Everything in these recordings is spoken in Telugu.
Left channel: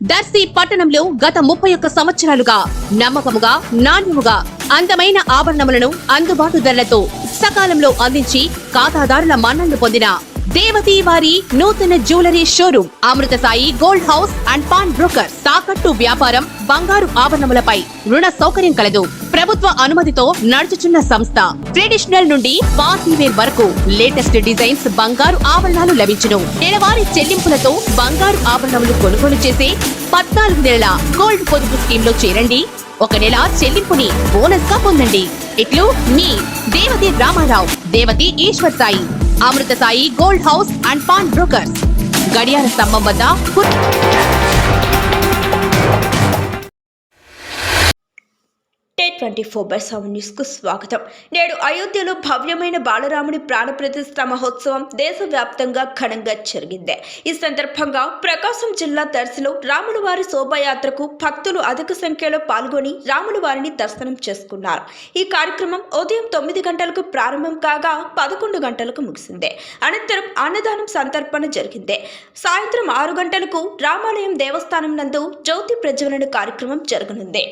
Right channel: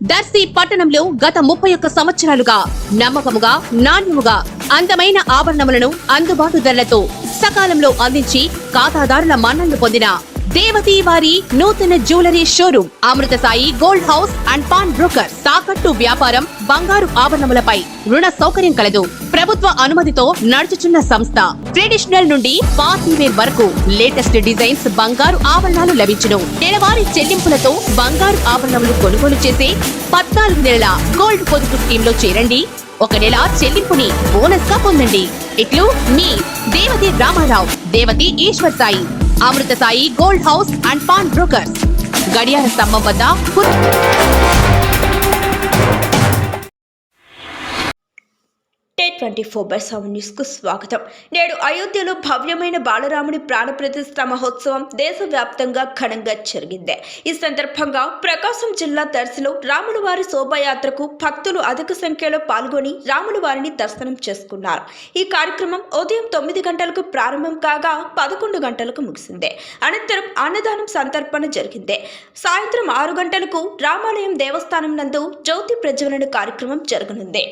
దర్శి పట్టణంలో గత 31 సంవత్సరాలుగా నమ్మకముగా నాణ్యముగా అందమైన ఆభరణములను అందుబాటు ధరలతో సకాలంలో అందించి ఖాతాదారుల మన్ననలు పొందిన దేవతి వారి నూతన jewellery showroom Amrutha Sai gold house and pawn broker. తాకట్టు వ్యాపారం, బంగారు ఆభరణములపై రుణ సౌకర్యం కలదు. ప్రభుత్వ అనుమతితో నడుచుచున్న సంస్థ. ట్రెడిషనల్ నుండి పార్టీ వేర్ వరకు లేటెస్ట్ డిజైన్స్ బంగారు ఆభరణాలు లభించును. నెలవారీ చెల్లింపులతో బంగారు ఆభరణములు కొనుగోలు చేసి 14 నెలల గోల్డ్ పొదుపు స్కీమ్ లో చేరండి. 1 నెల చెల్లింపుని బోనస్ గా పొందండి. ఇట్లు మీ Devathi Ramarao, Devathi Eshwar Sai, Amrutha Sai gold house and pawn brokers, గడియార స్తంభం వద్ద. T24/7 న్యూస్ కు స్వాగతం. నేడు అయోధ్యలో భవ్యమైన బాలరాముని ప్రాణప్రతిష్ఠ మహోత్సవం దేశవ్యాప్తంగా ఘనంగా జరిగింది. ఈ సందర్భంగా ప్రకాశం జిల్లా దర్శిలో రాముల వారి శోభాయాత్రకు భక్తులు అధిక సంఖ్యలో పాల్గొని రాముల వారిని దర్శనం చేసుకున్నారు. ఈ కార్యక్రమం ఉదయం 9 గంటలకు ప్రారంభం కాగా 11 గంటలకు ముగిసింది. అనంతరం అన్నదానం సంతర్పణ జరిగింది. సాయంత్రం 6 గంటలకు రామాలయం దేవస్థానం నందు జ్యోతి ప్రజ్వలన కార్యక్రమం జరగనుంది.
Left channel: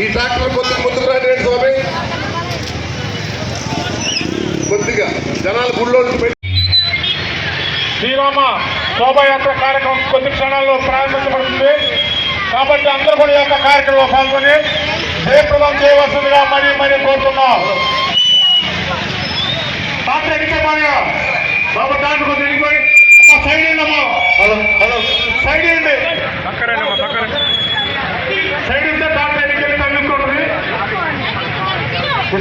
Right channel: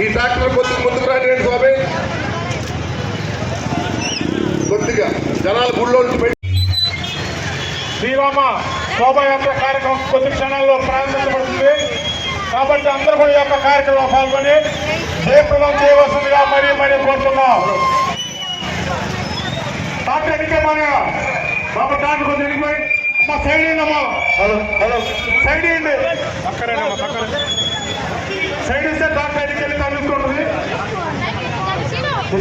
ఈ డాక్టర్ ముందుకు రండి స్వామి, కొద్దిగా జనాలు గుళ్ళో శ్రీరామ శోభాయాత్ర కార్యక్రమం కొద్ది క్షణాల్లో ప్రారంభించబడుతుంది. కాబట్టి అందరూ కూడా ఈ యొక్క కార్యక్రమంలో పాల్గొని జయప్రదం చేయవలసిందిగా మరీ కోరుతున్నాం. డాక్టర్ ఎన్నికమయ్య బాబా, డాక్టర్ కొద్దిగా ఎన్నికమై మా సైడ్ ఏంటమ్మా, సైడ్ ఏంటి పక్కన సైడ్ ఇస్తే డాక్టర్ ఎన్నికలు తగ్గుతుంది.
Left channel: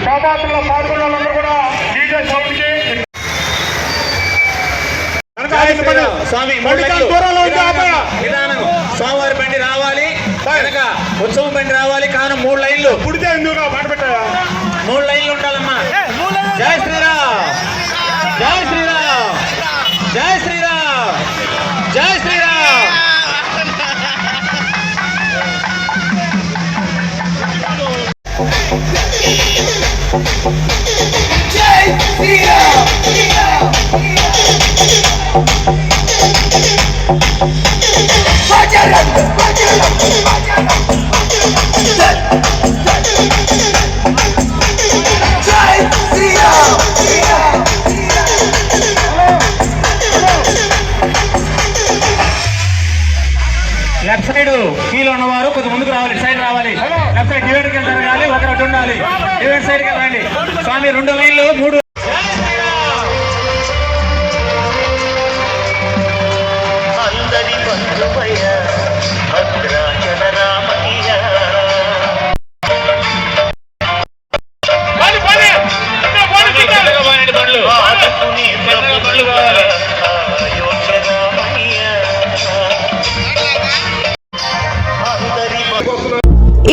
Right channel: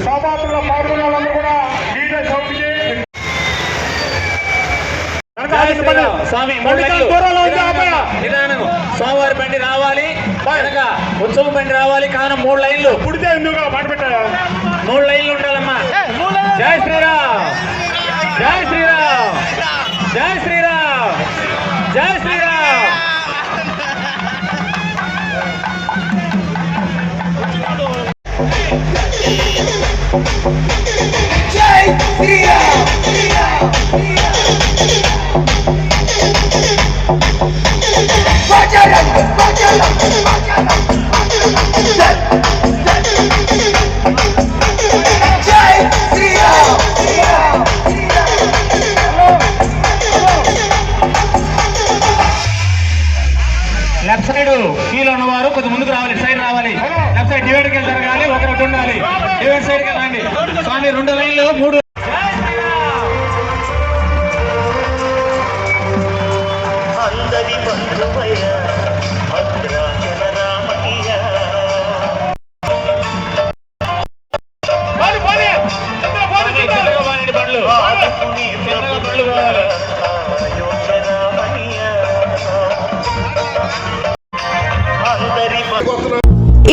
శోభాయాత్రలో పాల్గొన్న వాళ్ళందరూ కూడా డీజే సౌండ్కి స్వామివారి బండి రావాలి, ఉత్సవం బండి రావాలి. కాను 3 లైన్లు పుడితే ఎందుకు పడబెట్టారా? 3 లైన్లు ఉండాలమ్మా. జై శ్రీరామ్, జై శ్రీరామ్, జై శ్రీరామ్, జై శ్రీరామ్. జై శ్రీరామ్. లెఫ్ట్ సైడ్ కీలో ఉన్నవారు కొద్ది ముందుకు రావాలి, సైడ్ రావాలి. లెఫ్ట్ సైడ్ డివైడ్కి వెళ్తారు కానీ ఒకటి ఉండాలి. డివైడ్ సైడ్కి వెళ్ళండి స్వామి. 2 లైన్లు 3.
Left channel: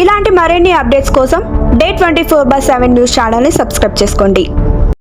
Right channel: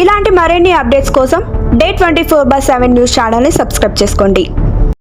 ఇలాంటి మరిన్ని అప్డేట్స్ కోసం Day24/7 న్యూస్ ఛానల్ని సబ్స్క్రైబ్ చేసుకోండి.